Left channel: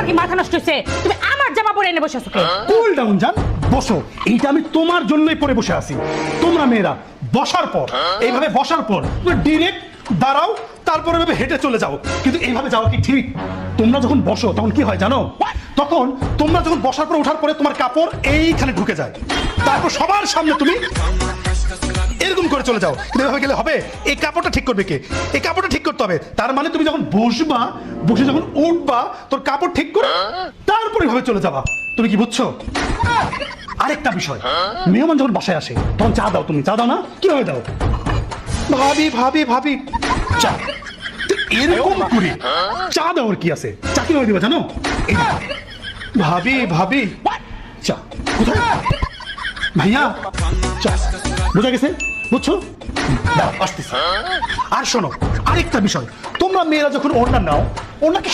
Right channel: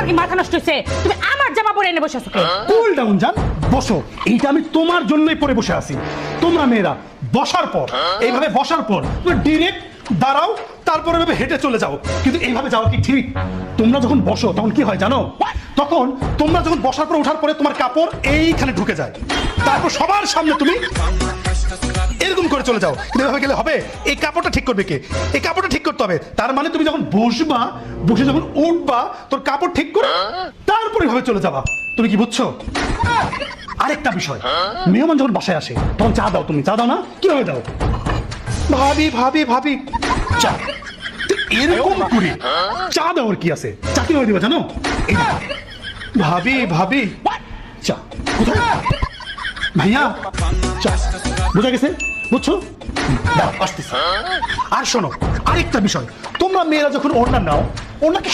তোমার কি মাথা নষ্ট হয়েছে? আমার জামা পরে এনে বসে আছো কে? কুল ডাউন জান, বসো। এইটা আমি তোমার জন্যই পরে বসে আছি। তোমরা মেয়েরা বসার পর, এইভাবে বসার পর ডিরেক্ট দাঁড়াও, তারপর এভাবে হেঁটে চলে যাও। এইভাবে যাও কি ঠিক? তোমরা যখন বসো তখন কি হয় জানো? তখন তোমরা যখন বসার পর ওঠার পরে তোমার কাপড় এইখানে ঢুকে যায়, তারপর সবার সামনে তুমি এরকম করে চলে যাও। না হয়ে গেলে হবে? এই কাপড়টা ঠিক করবে কে? এই কাপড়টা ঠিক করতে হবে। তার মানে তুমি যখন বসবা, বসে যখন উঠবা, তোর কাপড় ঠিক করে তারপরে হয়ে চলে যাবা। তুমি কি বুঝছো? আরেকটা বিষয়, মেহমান যখন বাসায় আসে তখন চা দাও। তুমি চা দাও না? কিভাবে দাও? ভাবি ভাবি ভাবি চা। এরকম করে চা দেওয়ার কি আছে? চা কিভাবে দেবা জানো? এই দেখো। ভাবি ভাবি চা কোথায়? ভাইয়া চা। বুঝে গেছে? বুঝছো? দাও আসতেছি। আর শোনো, আরেকটা বিষয়, তোমরা মেয়েরা যখন অর্ডার নাও, ওনাকে